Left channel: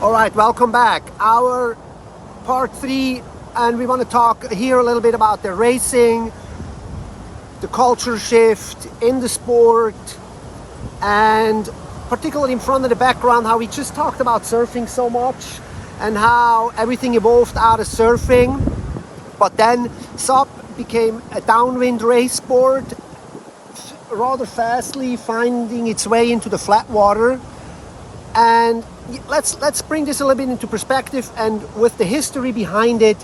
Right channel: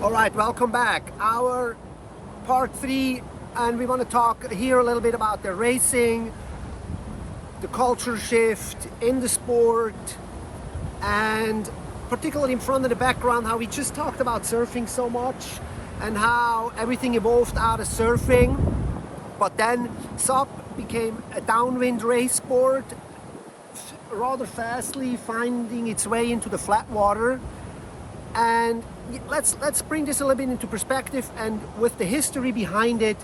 All right, welcome back. Our part 3, and we want to talk here a little bit about the racing, the culture shift in the sport, and particularly in front of the background, how we just talked about surfing so much and how everything evolved out of surfing. But then SUP became a downwind race sport, rather fastly finding its way into the flat water. And let's bring this a little bit into perspective and with the history behind it,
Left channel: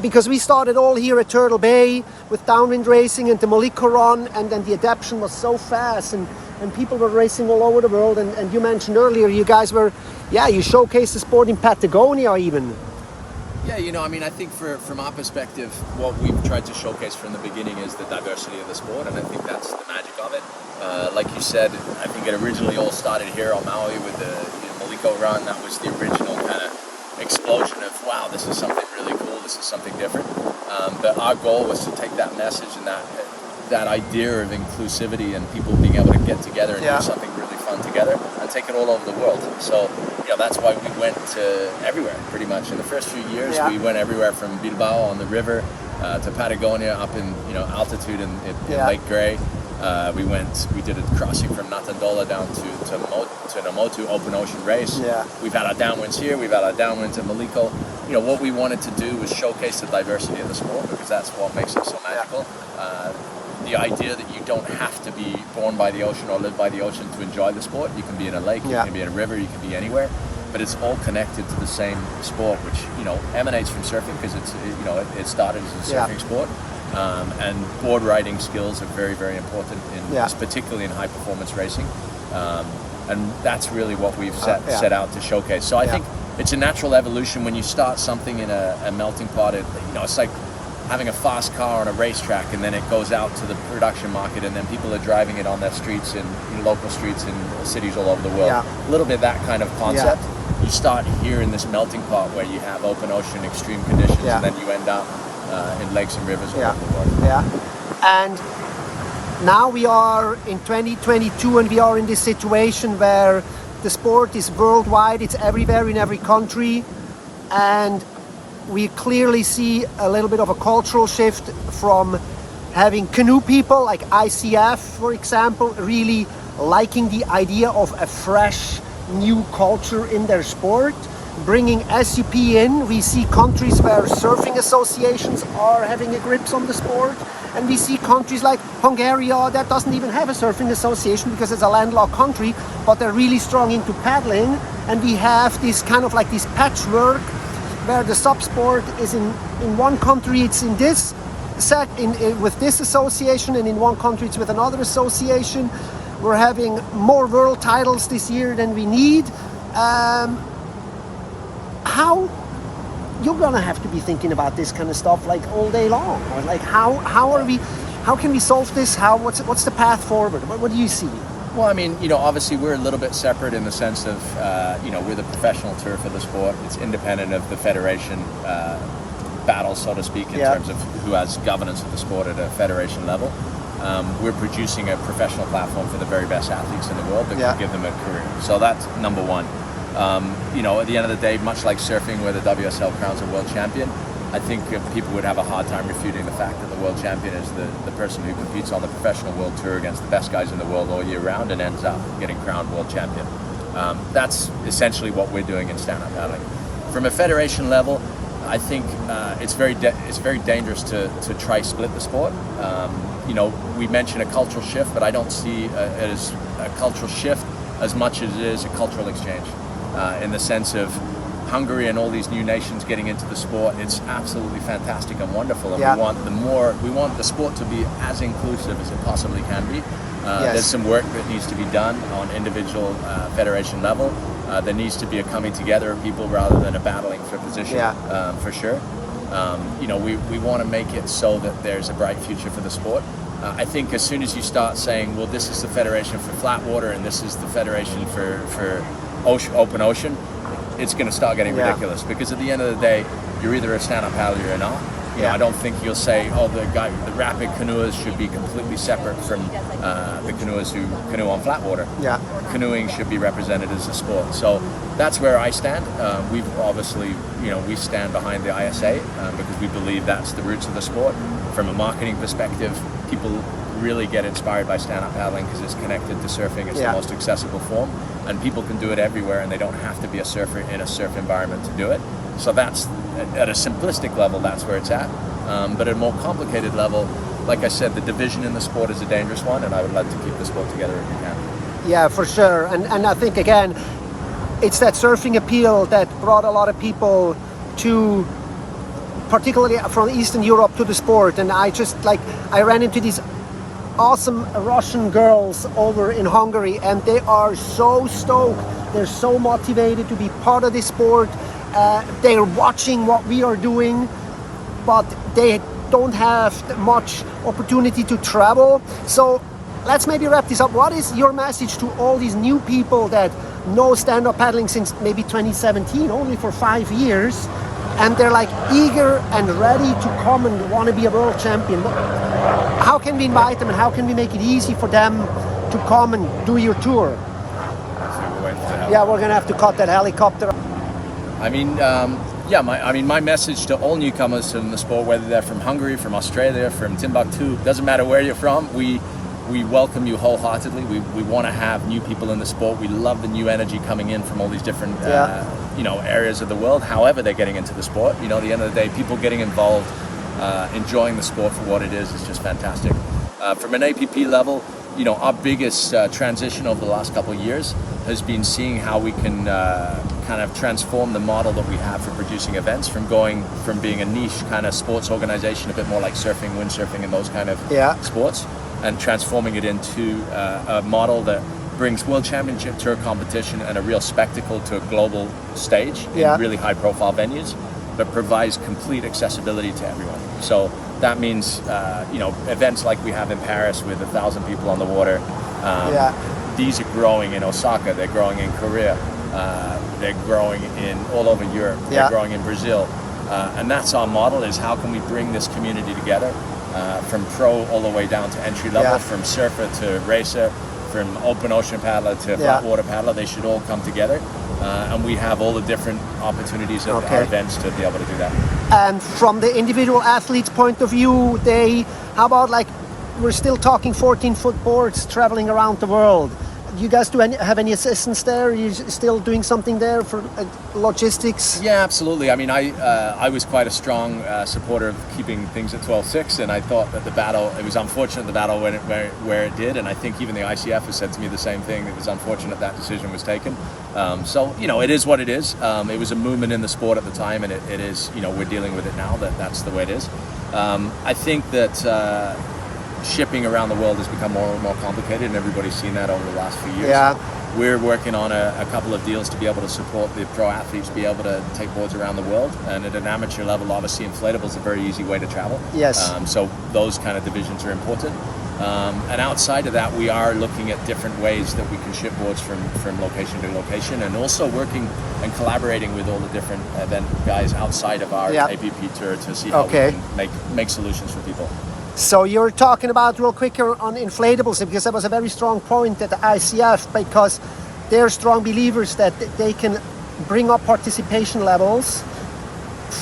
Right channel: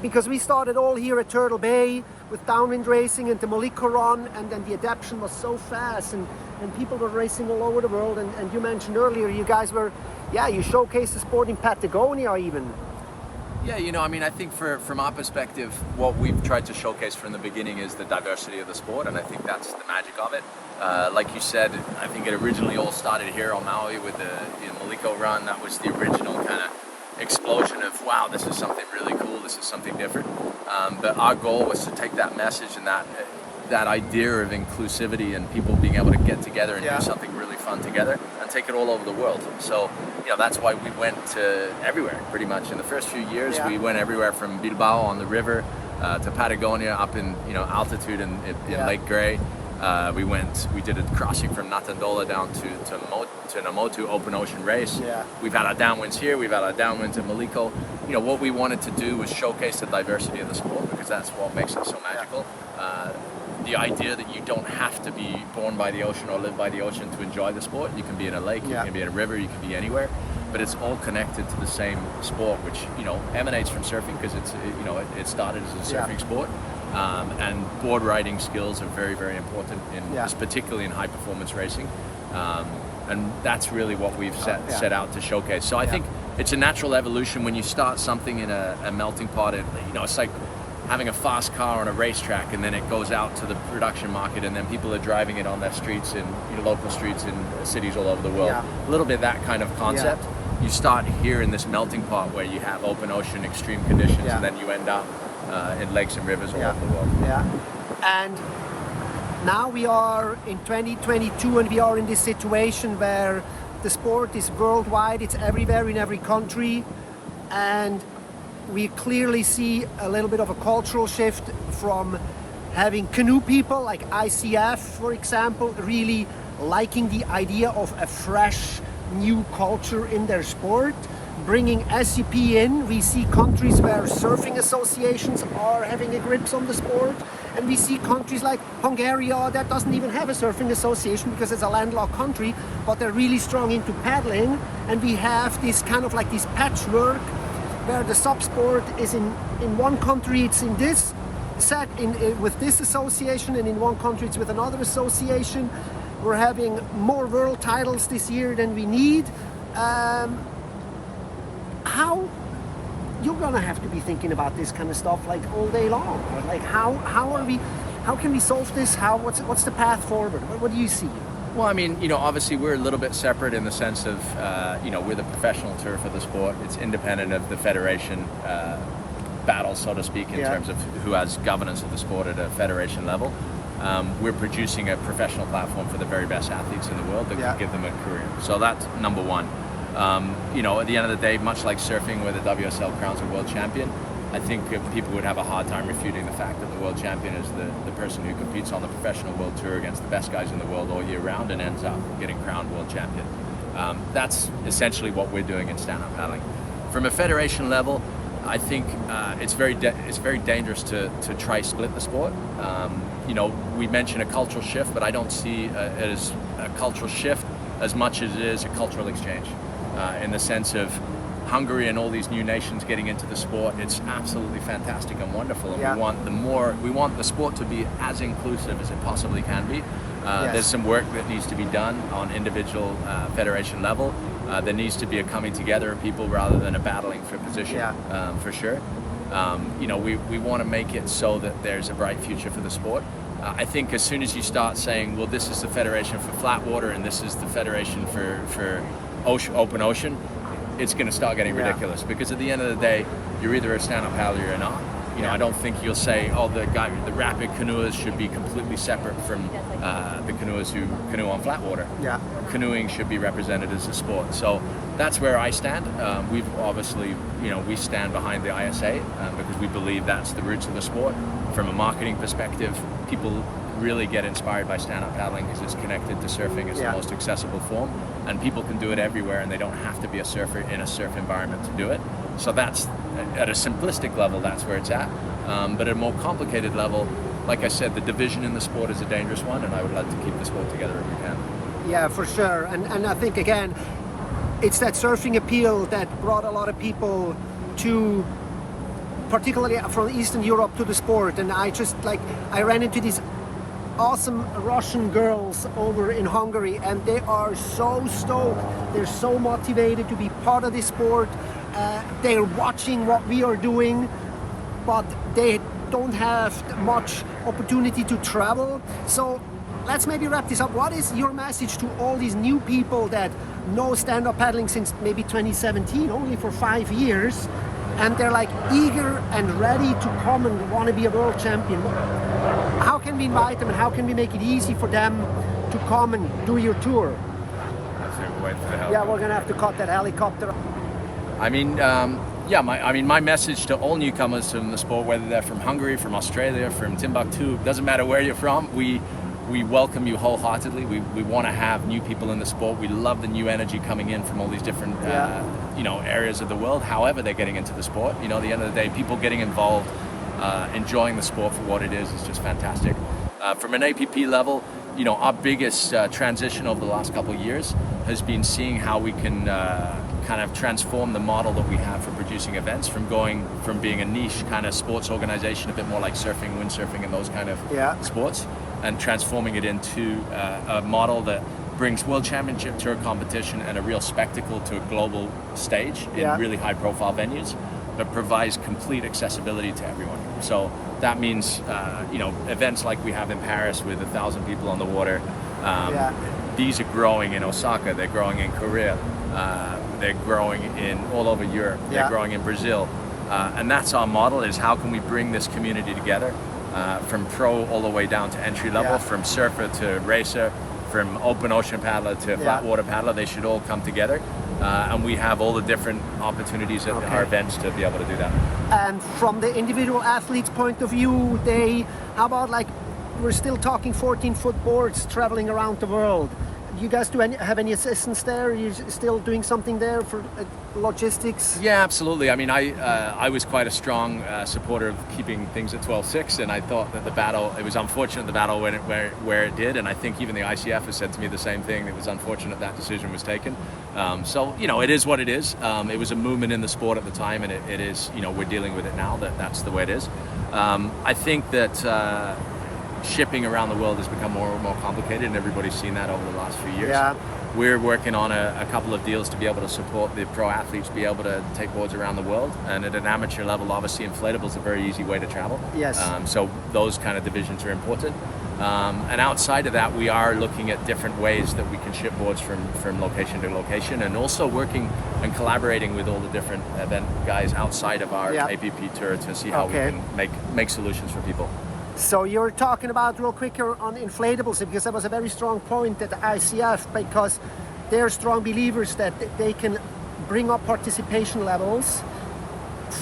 because we started all here at Turtle Bay with downwind racing and the Moliko run, and then the adaptation was so fast and people were racing all over the world. And you mentioned earlier, you guys were, you showcased the sport in Patagonia even. Yeah, I think from our perspective, what we've tried to showcase from the beginning is the diversity of the sport, and I think that's the magic of it. Like you said, I think it originally all started here on Maui with the Moliko run. That was the original kind of explosion of, wow, this is something really cool, this is something different. But our goal was to take that message and that idea of inclusivity and people being able to get together and do something really fun together and take it all over the world. So, that's why we went to everywhere, pretty much. In the first few years, we went everywhere from Bilbao on the river to Patagonia up in, altitude in Lake Grey. We did a crossing from Natandola down to Namotu open ocean race. We've had our downwinds here, we've had our downwinds at Moliko. What we wanted to do was showcase the diversity of the sport, because that's what makes it so magical. The idea that you don't have to be born by the ocean or live by the ocean to enjoy the sport. You can be in a lake, you can be in a river, you can be anywhere, but it's all connected to the same sport, which emanates from surfing, because it started as a surfing sport. And board riding skills are very, very important particularly in high performance racing, and that's really what we've set out to showcase. So I think it's a natural evolution when you start something in a melting pot. It's like having a fast car on a racetrack, and then it goes out to the production market, and then people are driving it on their streets in local streets in cities all over the world. A little bit that kind of concept. You start here in this melting pot where you have open ocean, extreme conditions, and then you end up in lakes and rivers all over the world. And now we are in 2022, and we are in this situation where the sport is worldwide. It's everywhere in every country, and we clearly see a little bit of a cultural shift from having canoe people like ICF, for example, really liking the idea of a fresh new culture in their sport, bringing SUP in. We see countries where surfing associations are having a grip on the sport, and we see countries like Hungary that doesn't even have a surfing association because it's a landlocked country, but they're really strong into paddling. And we have this kind of like this patchwork where the SUP Sport is in one country it's in this with this association, and in one country it's with another association. We're having more world titles this year than we need. How you're gonna have to be thinking about this kind of stuff like all day long, or like how can we solve this? What's the path forward? What do you see? Well, obviously we're a little bit separate in the sense of, we're the professional turf of the sport. It's independent of the federation battle, so to speak, in terms of who has governance of the sport at a federation level. We're producing a professional platform for the very best athletes in the world that can give them a career. So that's number one. At the end of the day, much like surfing where the WSL crowns a world champion, I think people would have a hard time refuting the fact that the world champion is the person who competes on the professional world tour against the best guys in the world all year round and ends up getting crowned world champion. That's essentially what we're doing in stand-up paddling. From a federation level, I think it's very dangerous to try split the sport. We mention a cultural shift, but I don't see it as a cultural shift as much as it is a cultural exchange, in the sense of Hungary and all these new nations getting into the sport. It's absolutely fantastic and wonderful, and we want the sport to be as inclusive as it possibly can be. There's some work that needs to be done on individual federation level. There needs to be a coming together of people rather than a battling for position, for sure. We want to make it so that there's a bright future for the sport. I think as soon as you start saying, well, this is the federation for flat water and this is the federation for open ocean, it's going to start getting ridiculous, because at the end of the day, you're either a stand-up paddler or not. You know, I don't think you'll say, oh, the rapid canoers should be completely separate from the canoers who canoe on flat water. Yeah. Canoeing should be represented as a sport. So that's where I stand. We've obviously, we stand behind the ISA because we believe that's the roots of the sport. From a marketing perspective, people really get inspired by stand-up paddling because it's connected to surfing. It's the most accessible form, and people can do it everywhere, and they don't have to be a surfer in a surf environment to do it. So that's, at a simplistic level, that's where it's at. But at a more complicated level, like I said, the division in the sport is a dangerous one, and I would like to keep the sport together if we can. Yeah, for sure. And I think, again, it's that surfing appeal that brought a lot of people to, particularly from Eastern Europe, to the sport. And I ran into these awesome Russian girls over in Hungary, and they are so stoked. They're so motivated to be part of this sport. They're watching what we are doing, but they don't have much opportunity to travel. So let's maybe wrap this up. What is your message to all these new people that know stand-up paddling since maybe 2017, only for 5 years, and they're like eager and ready to come and want to be a world champion? How can we invite them, and how can we make it easy for them to come and do your tour? Yeah, we're gonna have to cut that helicopter. I mean, my message to all newcomers in the sport, whether they're from Hungary, from Australia, from Timbuktu, doesn't matter where you're from, we welcome you wholeheartedly. We want to have new people in the sport. We love the new energy coming in from all these different areas of the world, however they're getting into the sport. At the end of the day, people getting involved, enjoying the sport for what it is just fantastic. From an APP level, our biggest transition over the last couple of years has been seeing how we can kind of transform the model that we have for producing events, from being a niche kind of sports organization, a bit more like surfing, windsurfing, and those kind of sports, and transforming it into a model that brings world championship tour competition and a real spectacle to a global stage in really high profile venues, but provides complete accessibility to everyone. So that means events like we have in Paris with 1,000 people on the water. These are growing in Osaka, they're growing in Korea, they're growing in all over Europe, they're growing in Brazil. And that's our model, is how can we bring this community together, from pro all the way down to entry level, from surfer to racer, from open ocean paddler to flat water paddler. They should all come together. And we have all the different opportunities at our events to be able to do that. And from the individual athlete's point of view, how about, like, we're still talking 14-foot boards traveling around the world. You guys have any assistance there? Are you still doing something there for logistics? Yeah, absolutely. I mean, I was quite a strong supporter of keeping things at 12.6, and I thought that it was unfortunate the battle went where it did, and I think even the ICF has said to me the same thing. It was unfortunate that decision was taken. So, it is what it is. It was a movement in the sport at the time, and it is, we're dealing with it now, that's the way it is. I think that shipping around the world has become more and more complicated, and everybody's seen that over the last few years. We're working on a couple of deals to be able to support the pro athletes be able to take boards around the world, and at an amateur level, obviously Inflatables is a very easy way to travel. So those kind of divisions are important. And outside of that, we are looking at different ways that we can ship boards from location to location, and also working and collaborating with all the different event guys outside of our APP tour to see how we can make solutions for people. So you're talking about, real quick, on Inflatables, because that was a very strong point at the ICF, because they're strong believers that they can bring up participation levels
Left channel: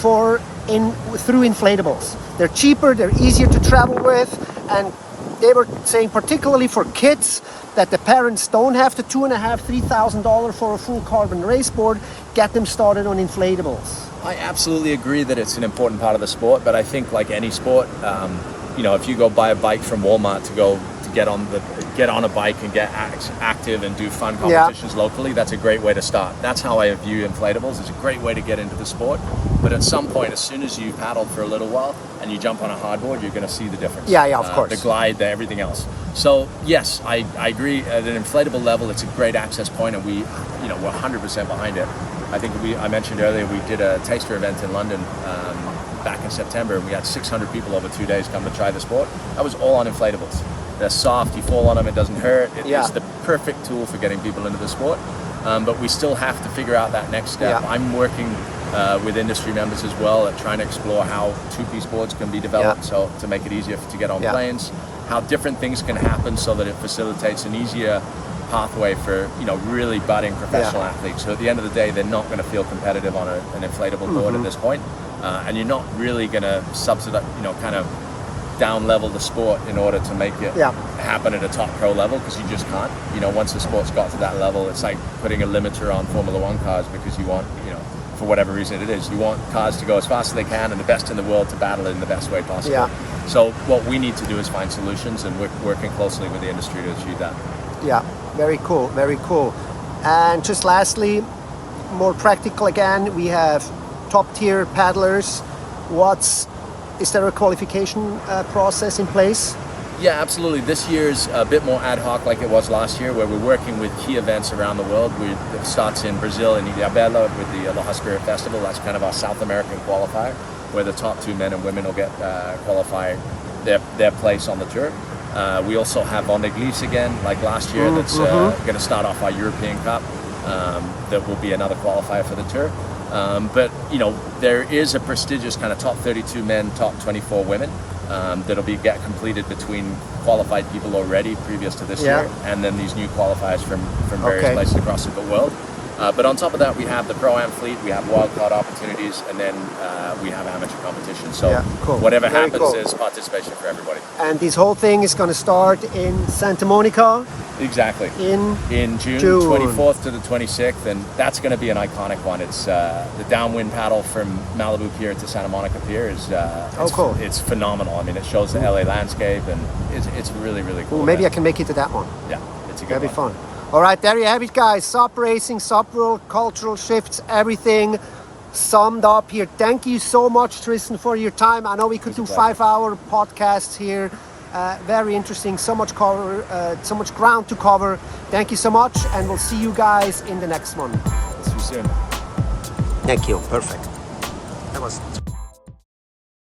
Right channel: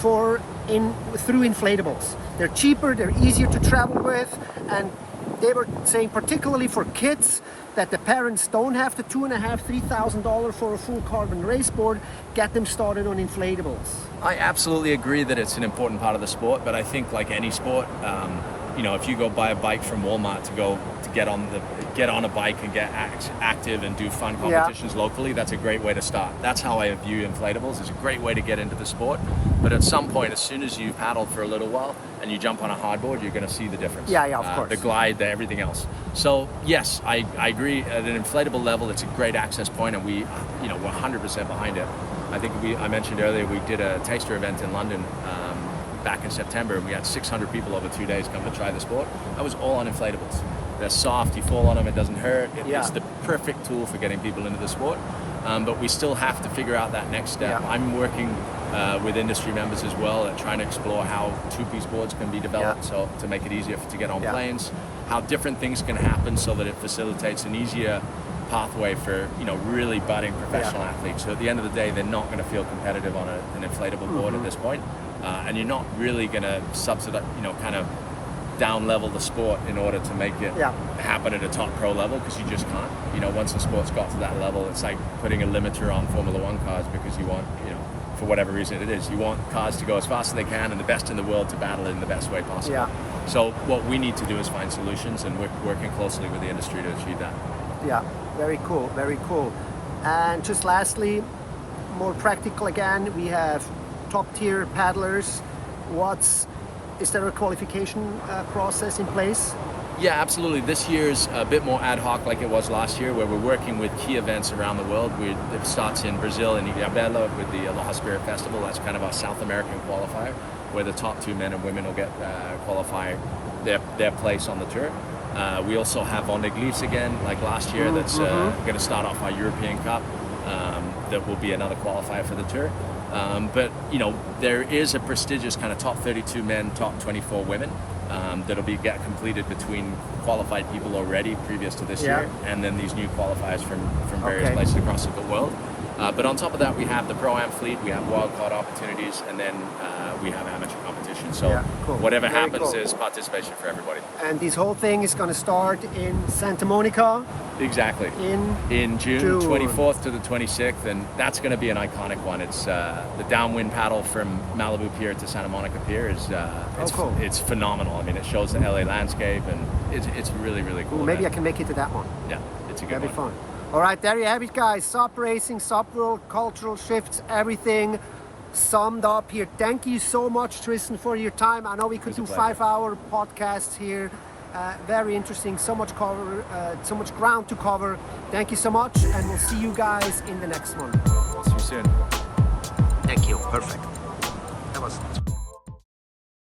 through Inflatables. They're cheaper, they're easier to travel with, and they were saying, particularly for kids, that the parents don't have the $2,500–3,000 for a full carbon race board. Get them started on Inflatables. I absolutely agree that it's an important part of the sport, but I think, like any sport, if you go buy a bike from Walmart to get on a bike and get active and do fun competitions locally, that's a great way to start. That's how I view Inflatables. It's a great way to get into the sport, but at some point, as soon as you've paddled for a little while and you jump on a hardboard, you're going to see the difference. Of course. The glide, everything else. So yes, I agree. At an inflatable level, it's a great access point, and we're 100% behind it. I think I mentioned earlier, we did a taster event in London back in September, and we had 600 people over 2 days come to try the sport. That was all on inflatables. They're soft, you fall on them, it doesn't hurt. It's the perfect tool for getting people into the sport. But we still have to figure out that next step. I'm working with industry members as well, at trying to explore how two-piece boards can be developed, so to make it easier to get on planes, how different things can happen so that it facilitates an easier pathway for really budding professional athletes. So at the end of the day, they're not going to feel competitive on an inflatable board at this point, and you're not really going to subsidize, kind of down level the sport in order to make it happen at a top pro level, because you just can't. Once the sport's got to that level, it's like putting a limiter on Formula One cars, because you want, for whatever reason it is, you want cars to go as fast as they can and the best in the world to battle it in the best way possible. Yeah. So what we need to do is find solutions, and we're working closely with the industry to achieve that. Yeah, very cool, very cool. And just lastly, more practical again, we have top tier paddlers. Is there a qualification process in place? Yeah, absolutely. This year's a bit more ad hoc like it was last year, where we're working with key events around the world. It starts in Brazil, in Ilhabela, with the Aloha Spirit Festival. That's kind of our South American qualifier, where the top 2 men and women will get qualify their place on the tour. We also have Vendée Glisse again, like last year, that's going to start off our European Cup. That will be another qualifier for the tour. But there is a prestigious kind of top 32 men, top 24 women that'll get completed between qualified people already previous to this year, and then these new qualifiers from various places across the world. But on top of that, we have the Pro-Am fleet, we have wildcard opportunities, and then we have amateur competition. So whatever happens, there's participation for everybody. And this whole thing is going to start in Santa Monica? Exactly. In June 24th to the 26th, and that's going to be an iconic one. It's the downwind paddle from Malibu Pier to Santa Monica Pier is it's phenomenal. I mean, it shows the LA landscape, and it's really, really cool. Well, maybe I can make it to that one. Yeah, it's a good one. That'd be fun. All right, there you have it, guys. SUP Racing, SUP World, cultural shifts, everything summed up here. Thank you so much, Tristan, for your time. I know we could do 5-hour podcasts here. Very interesting. So much cover, so much ground to cover. Thank you so much, and we'll see you guys in the next one. We'll see you soon. Thank you. Perfect. That was